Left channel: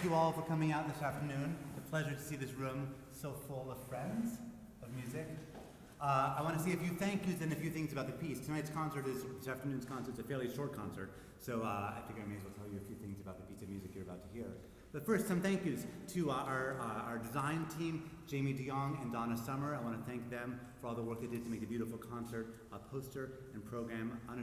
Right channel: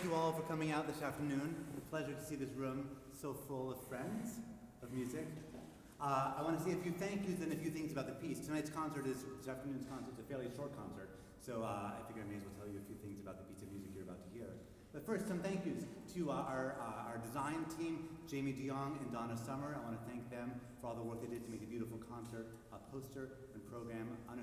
thank you all for coming out this afternoon. It's a pleasure to see this room so full of friends of music. I want to say a few thank yous and a few things about the piece. This afternoon's concert is a fairly short concert, so I figure I may as well tell you a few things about the piece of music you're about to hear. But first, some thank yous to our design team, Jamie DeYoung and Donna Summer. I want to thank them for all the work they did to make the beautiful concert poster and program. I want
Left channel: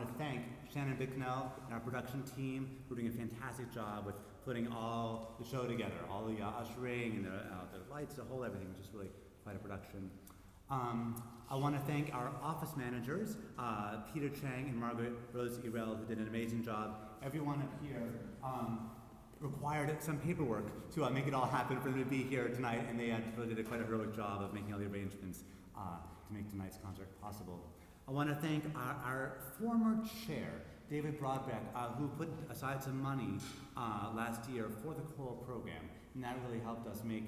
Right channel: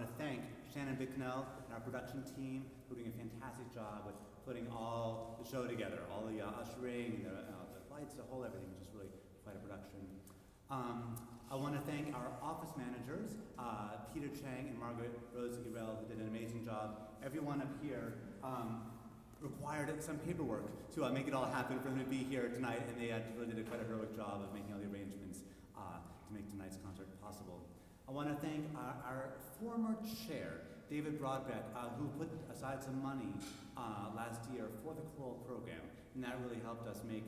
to thank Shannon Bicknell and our production team for doing a fantastic job with putting all the show together, all the ushering and the lights, the whole everything, just really quite a production. I want to thank our office managers, Peter Chang and Margaret Rose Irel, who did an amazing job. Everyone up here required some paperwork to make it all happen for them to be here tonight, and they really did quite a heroic job of making all the arrangements to make tonight's concert possible. I want to thank our former chair, David Broadbeck, who put aside some money last year for the choral program, and that really helped us make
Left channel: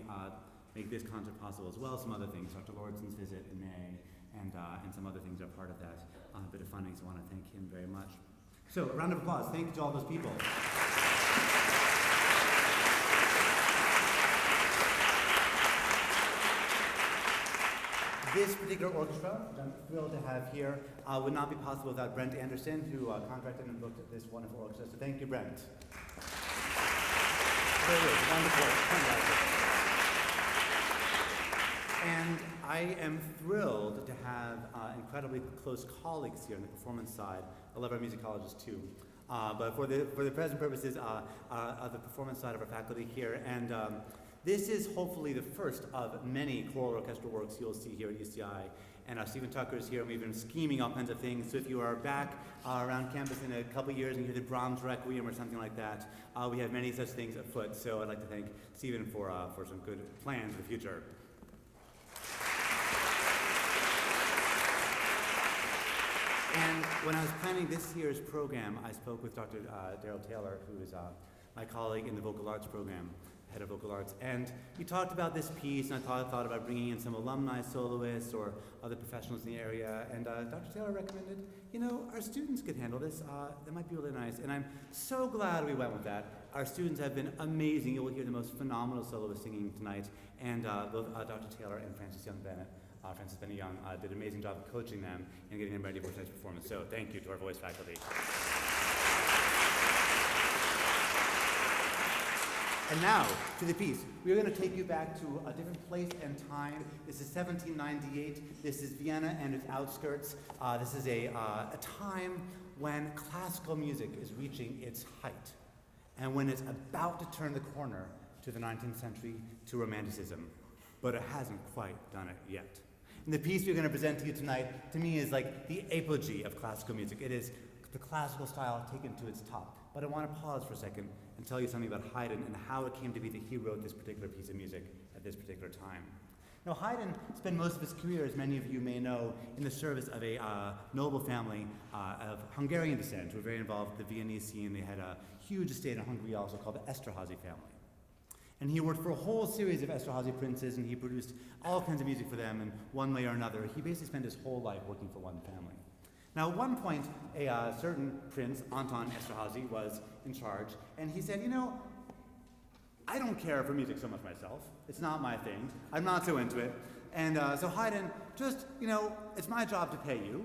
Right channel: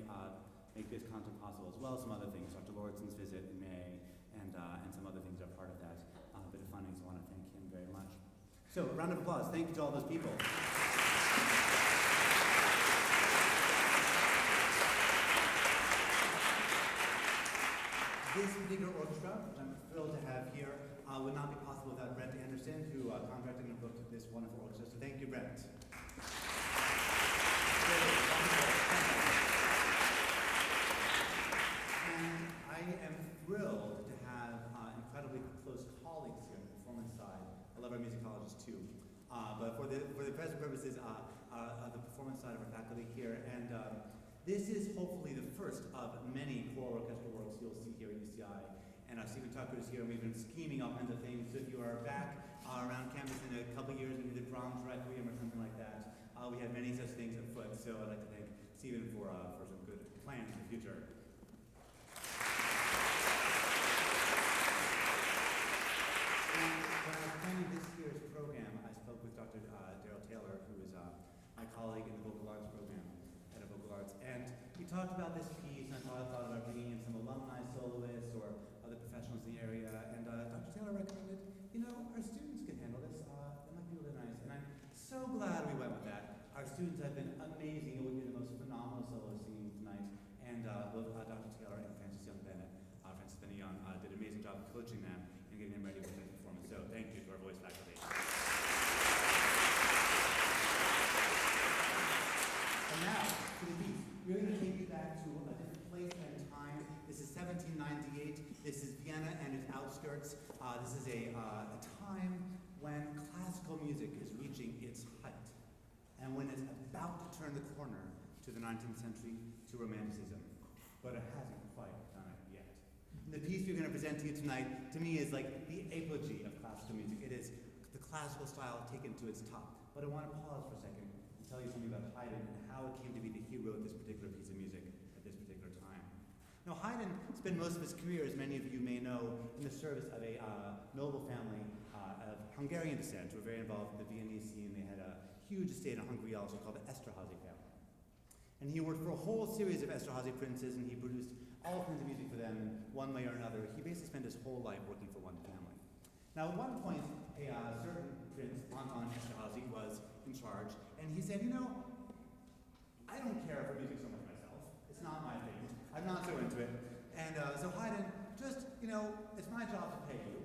this concert possible, as well as some other things. Dr. Lauritsen's visit in May, and some other things are part of that bit of funding, so I want to thank him very much. So, a round of applause. Thank you to all those people. This particular orchestra, which I'm thrilled to have here, would not be possible without Brent Anderson, who contracted and booked this wonderful orchestra. So thank you, Brent. And I am thrilled to have incredibly close colleagues here on the performance side. I love our musicologists too. But for the present purposes of the performance side of our faculty here, and this is hopefully the first of many choral orchestral works you'll see here at UCI. And Stephen Tucker is here, and we've been scheming all kinds of things. So if you are back around campus in a couple years and you hear the Brahms Requiem or something like that, we have many such things afoot. So I'd like to thank Stephen for some good plans for the future. And when I was planning this year's program, I spoke with Dr. Daryl Taylor, who is my colleague in the vocal arts program, head of vocal arts, and he talked about this piece, and I thought about bringing in some alumni soloists or other professionals in the area, and Dr. Taylor recommended, our students could handle this. That might be really nice, and I'm so glad we went with that. Our students have been amazing. You will hear the most phenomenal soloists singing tonight, and both Dr. Taylor and Francis Young did an amazing job of coaching them and getting them ready for tonight's performance. So thank you to our voice faculty. And now, to the piece. We're going to take you back to a different place and time. This is 1798. This is Vienna and its outskirts. This is a time when classical music is reaching its height, and when it's about to turn the corner to the 19th century, to Romanticism. But it hasn't quite done it yet. And the piece we're going to present to you tonight, to me, is like the apogee of classical music. It is the classical style taken to its top. But I want to pause for a second and tell you something about Haydn and how it came to be that he wrote this particular piece of music at this particular time. Now, Haydn spent most of his career, as many of you may know, in the service of a noble family of Hungarian descent who were very involved with the Viennese scene. They had a huge estate in Hungary also called the Esterházy family. And he worked for a whole series of Esterházy princes, and he produced all kinds of music for them in one way or another. He basically spent his whole life working for one family. Now, at one point, a certain prince, Anton Esterházy, was in charge, and he said, I don't care for music so much myself. It's not my thing. I'm not so into it. And so Haydn, just, it's my job to pay you.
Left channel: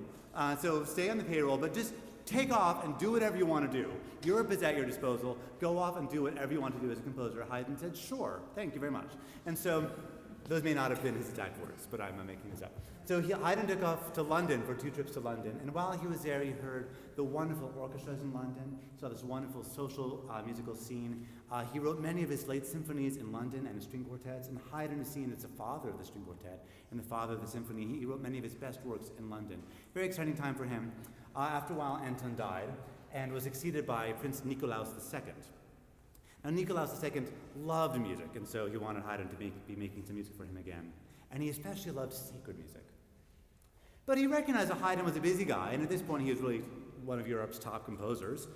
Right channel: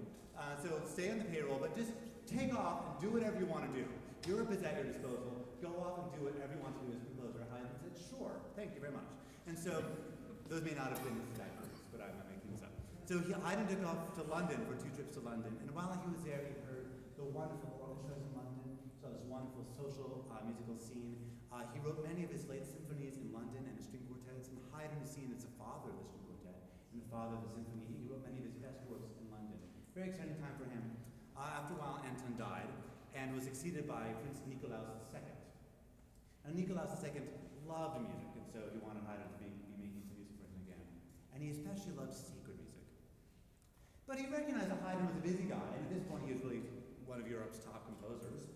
So stay on the payroll, but just take off and do whatever you want to do. Europe is at your disposal. Go off and do whatever you want to do as a composer. Haydn said, sure, thank you very much. And so those may not have been his exact words, but I'm making this up. So Haydn took off to London for 2 trips to London, and while he was there, he heard the wonderful orchestras in London, saw this wonderful social musical scene. He wrote many of his late symphonies in London and his string quartets, and Haydn is seen as the father of the string quartet and the father of the symphony. He wrote many of his best works in London. Very exciting time for him. After a while, Anton died and was succeeded by Prince Nikolaus II. Now, Nikolaus II loved music, and so he wanted Haydn to be making some music for him again. And he especially loved sacred music. But he recognized that Haydn was a busy guy, and at this point he was really one of Europe's top composers,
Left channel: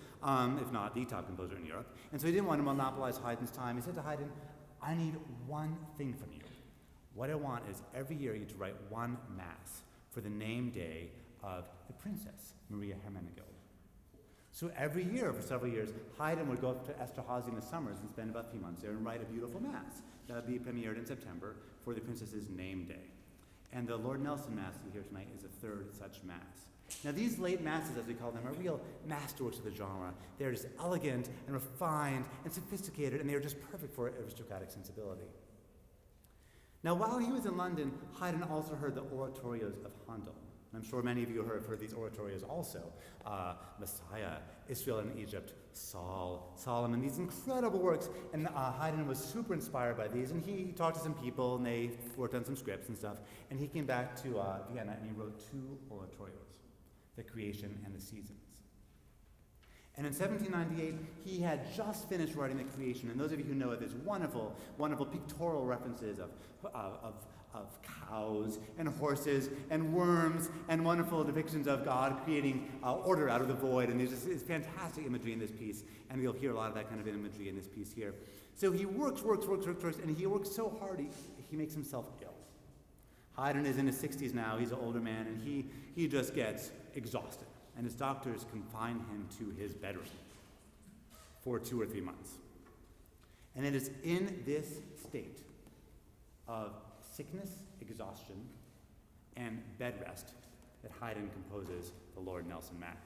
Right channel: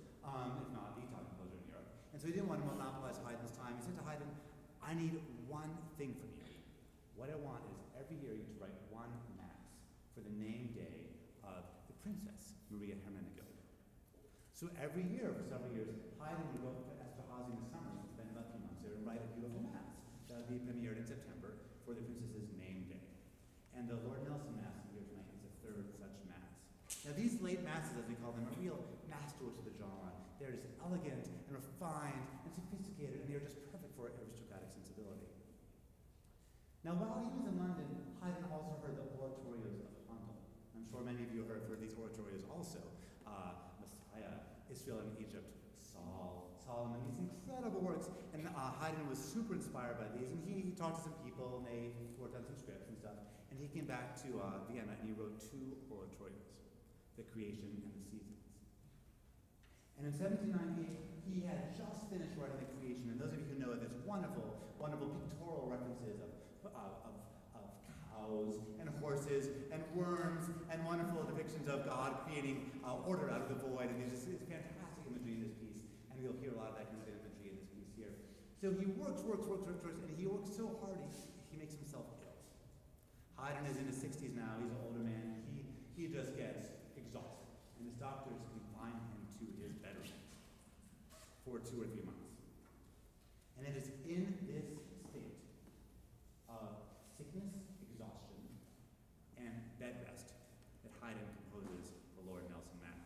if not the top composer in Europe. And so he didn't want to monopolize Haydn's time. He said to Haydn, I need one thing from you. What I want is every year you to write one mass for the name day of the princess, Maria Hermenegild. So every year, for several years, Haydn would go up to Esterházy in the summers and spend about 3 months there and write a beautiful mass that would be premiered in September for the princess's name day. And the Lord Nelson Mass we hear tonight is the third such mass. Now these late masses, as we call them, are real masterworks of the genre. They're just elegant and refined and sophisticated, and they are just perfect for aristocratic sensibility. Now while he was in London, Haydn also heard the oratorios of Handel. I'm sure many of you have heard these oratorios also. Messiah, Israel in Egypt, Saul, Solomon, these incredible works. And Haydn was super inspired by these, and he talked to some people, and they worked on some scripts and stuff. And he came back to Vienna, and he wrote 2 oratorios, The Creation and the Seasons. And in 1798, he had just finished writing The Creation, and those of you who know it, there's wonderful, wonderful pictorial references of cows and horses and worms and wonderful depictions of God creating order out of the void, and there's just it's fantastic imagery in this piece, and you'll hear a lot of that kind of imagery in this piece here. So he works, and he works so hard he makes himself ill. Haydn is in his 60s now, he's an older man, and he just gets exhausted, and his doctors confine him to his bedroom for 2 or 3 months. And it is in this state of sickness, exhaustion, and bed rest that Haydn composes the Lord Nelson Mass.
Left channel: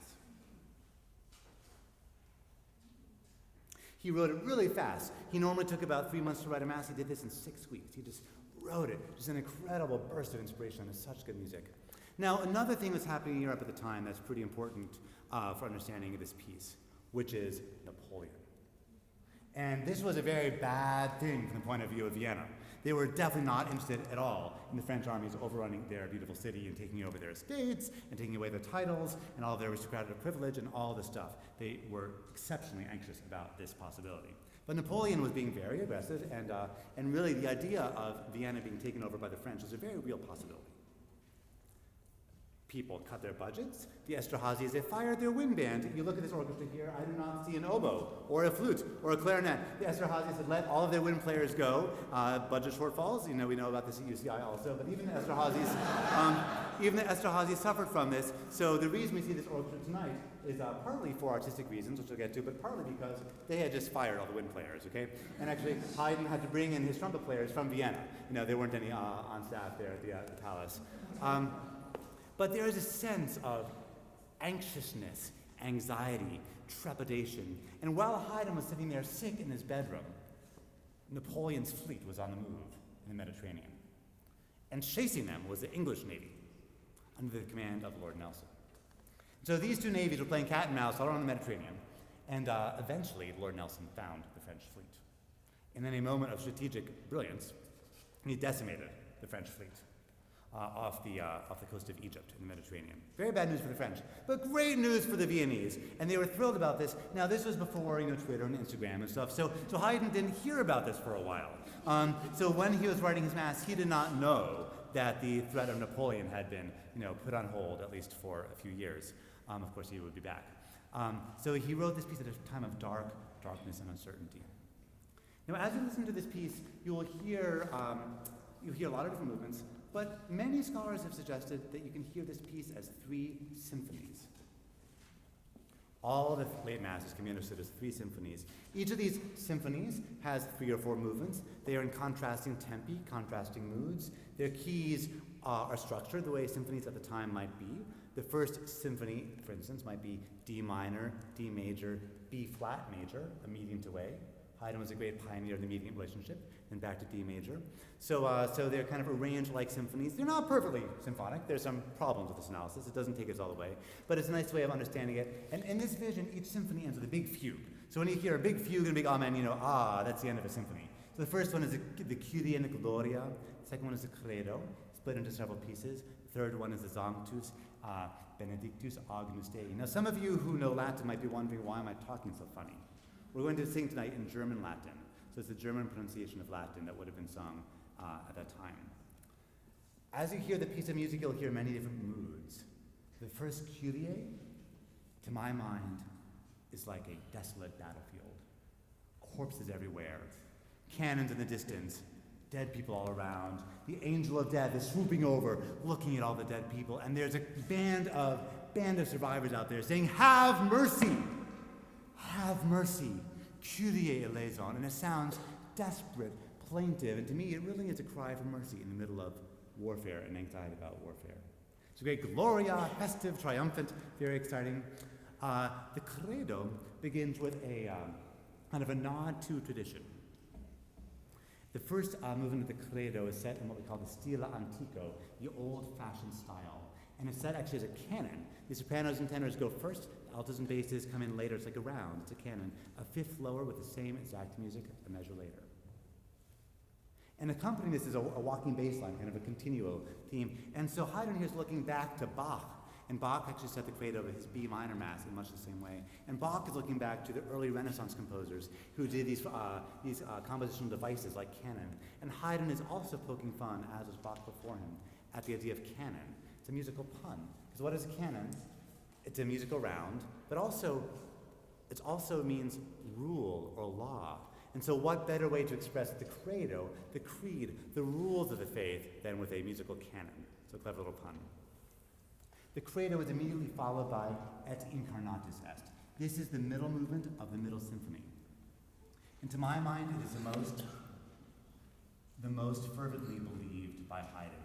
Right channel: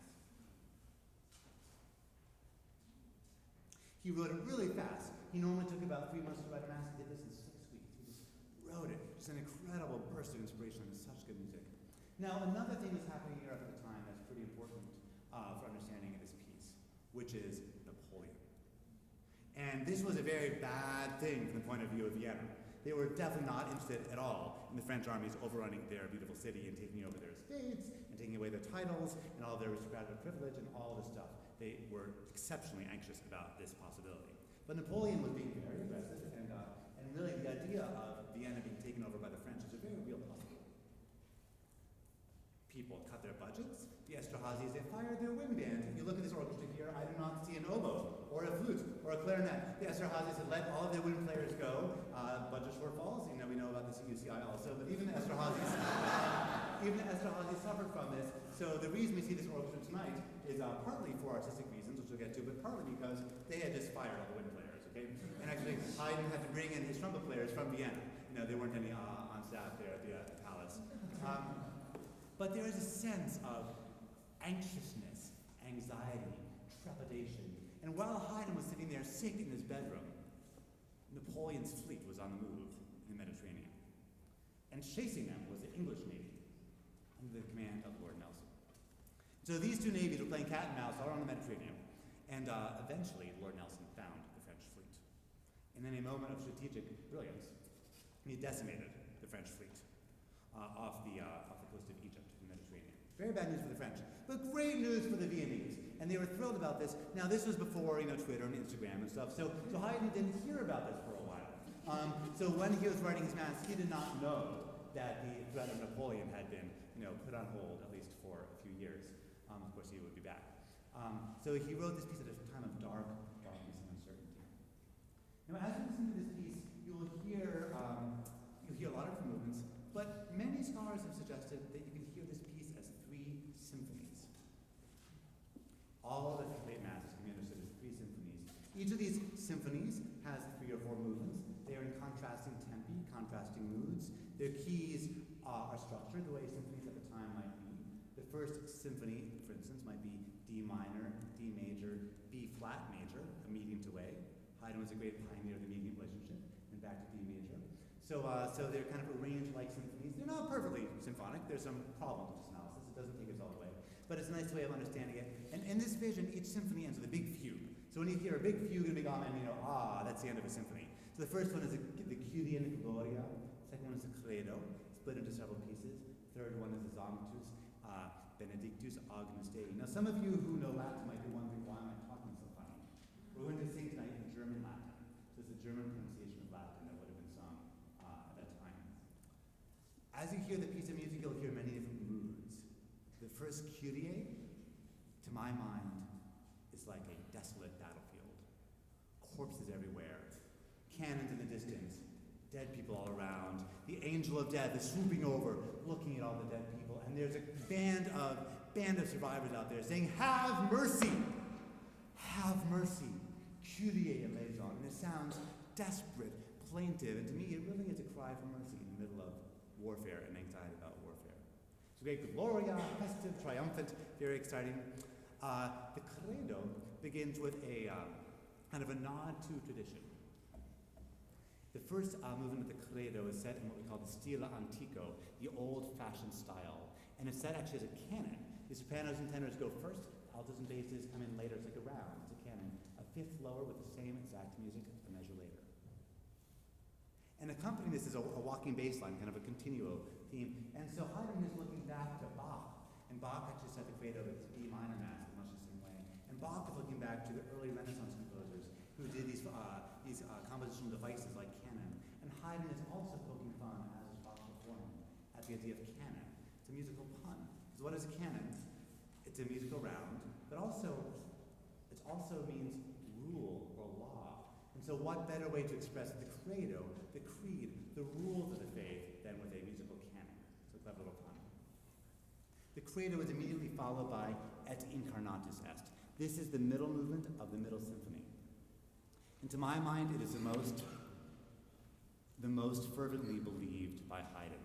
He wrote it really fast. He normally took about 3 months to write a mass. He did this in 6 weeks. He just wrote it. Just an incredible burst of inspiration, and such good music. Now, another thing that's happening in Europe at the time that's pretty important for understanding of this piece, which is Napoleon. And this was a very bad thing from the point of view of Vienna. They were definitely not interested at all in the French armies overrunning their beautiful city and taking over their estates and taking away their titles and all of their aristocratic privilege and all this stuff. They were exceptionally anxious about this possibility. But Napoleon was being very aggressive, and really the idea of Vienna being taken over by the French is a very real possibility. People cut their budgets. The Esterházys, they fired their wind band. You look at this orchestra here, I do not see an oboe, or a flute, or a clarinet. The Esterházys had let all of their wind players go. Budget shortfalls, we know about this at UCI also, but even the Esterházys suffered from this. So the reason we see this orchestra tonight is partly for artistic reasons, which we'll get to, but partly because they had just fired all the wind players, okay? And actually, Haydn had to bring in his trumpet players from Vienna. There weren't any on staff there at the palace. But there is a sense of anxiousness, anxiety, trepidation. And while Haydn was sitting there sick in his bedroom, Napoleon's fleet was on the move in the Mediterranean. And chasing them was the English Navy under the command of Lord Nelson. So these 2 navies were playing cat and mouse all around the Mediterranean. And eventually, Lord Nelson found the French fleet. And in a moment of strategic brilliance, he decimated the French fleet. Off the coast of Egypt in the Mediterranean. Very bad news for the French, but great news for the Viennese, and they were thrilled about this. Now this was before Twitter and Instagram and stuff, so Haydn didn't hear about this for a while. So when he was writing his mass, he did not know that the threat of Napoleon had been put on hold at least for a few years. Of course, he would be back. So he wrote this piece at a time of darkness and uncertainty. Now, as you listen to this piece, you'll hear a lot of different movements. But many scholars have suggested that you can hear this piece as 3 symphonies. All the late masses can be understood as 3 symphonies. Each of these symphonies has 3 or 4 movements. They are in contrasting tempi, contrasting moods. Their keys are structured the way symphonies at the time might be. The first symphony, for instance, might be D minor, D major, B flat major, a medium to A. Haydn was a great pioneer of the medium relationship, then back to D major. So they're kind of arranged like symphonies. They're not perfectly symphonic. There's some problems with this analysis. It doesn't take us all the way. But it's a nice way of understanding it. And in this vision, each symphony ends with a big fugue. So when you hear a big fugue and a big amen, that's the end of a symphony. So the first one is the Kyrie and the Gloria. The second one is the Credo, split into several pieces. The third one is the Sanctus, Benedictus Agnus Dei. Now some of you who know Latin might be wondering, why am I talking so funny? We're going to sing tonight in German Latin. So it's the German pronunciation of Latin that would have been sung at that time. As you hear the piece of music, you'll hear many different moods. The first Kyrie, to my mind, is like a desolate battlefield. Corpses everywhere, cannons in the distance, dead people all around. The angel of death is swooping over, looking at all the dead people, and there's a band of survivors out there saying, "Have mercy!" have mercy, Kyrie eleison, and it sounds desperate, plaintive, and to me it really is a cry for mercy in the middle of warfare and anxiety about warfare. It's a great Gloria, festive, triumphant, very exciting. The Credo begins with a kind of a nod to tradition. The first movement of the Credo is set in what we call the stile antico, the old-fashioned style. And it's set actually as a canon. The sopranos and tenors go first, altos and basses come in later. It's like a round, it's a canon. A fifth lower with the same exact music a measure later. And accompanying this is a walking bass line, kind of a continuo theme. And so Haydn here is looking back to Bach. And Bach actually set the Credo with his B minor Mass in much the same way. And Bach is looking back to the early Renaissance composers who did these compositional devices like canon. And Haydn is also poking fun, as was Bach before him, at the idea of canon. It's a musical pun. Because what is canon? It's a musical round, but also it also means rule or law. And so what better way to express the Credo, the creed, the rules of the faith than with a musical canon? So a clever little pun. The Credo is immediately followed by Et incarnatus est. This is the middle movement of the middle symphony. And to my mind, it is the most fervently believed by Haydn.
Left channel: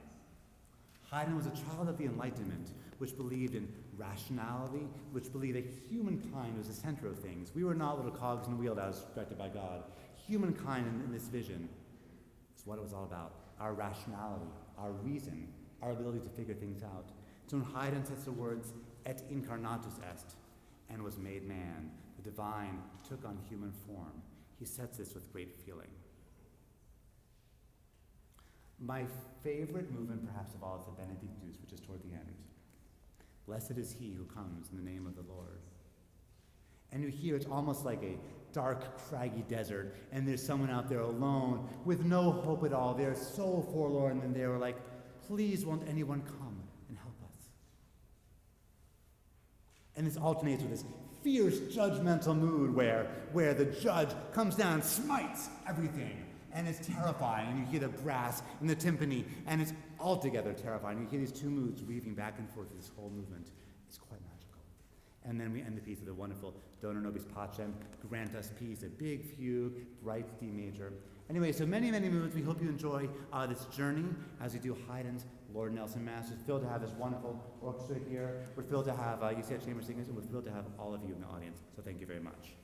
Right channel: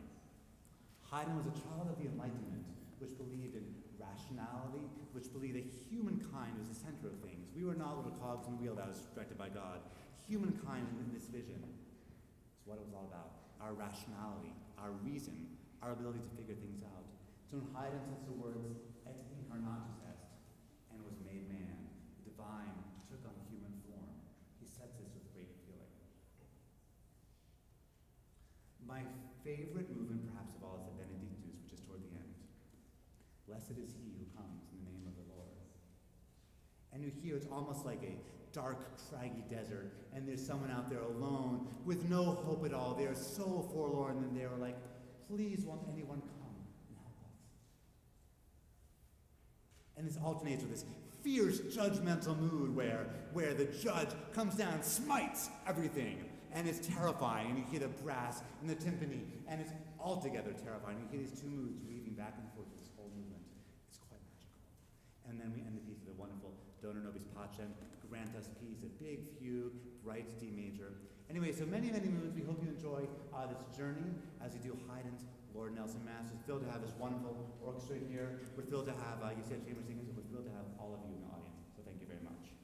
Haydn was a child of the Enlightenment, which believed in rationality, which believed that humankind was the center of things. We were not little cogs in the wheel that was directed by God. Humankind in this vision is what it was all about. Our rationality, our reason, our ability to figure things out. So when Haydn says the words, Et incarnatus est, and was made man, the divine took on human form, he sets this with great feeling. My favorite movement, perhaps of all, is the Benedictus, which is toward the end. Blessed is he who comes in the name of the Lord. And you hear it's almost like a dark, craggy desert, and there's someone out there alone with no hope at all. They're so forlorn, and they were like, please won't anyone come and help us? And this alternates with this fierce, judgmental mood where the judge comes down and smites everything. And it's terrifying, and you hear the brass and the timpani, and it's altogether terrifying. You hear these two moods weaving back and forth through this whole movement. It's quite magical. And then we end the piece with a wonderful Dona nobis pacem, grant us peace, a big fugue, bright D major. Anyway, so many, many movements. We hope you enjoy this journey as we do Haydn's Lord Nelsonmesse. We're thrilled to have this wonderful orchestra here. We're thrilled to have UCF Chamber Singers, and we're thrilled to have all of you in the audience. So thank you very much.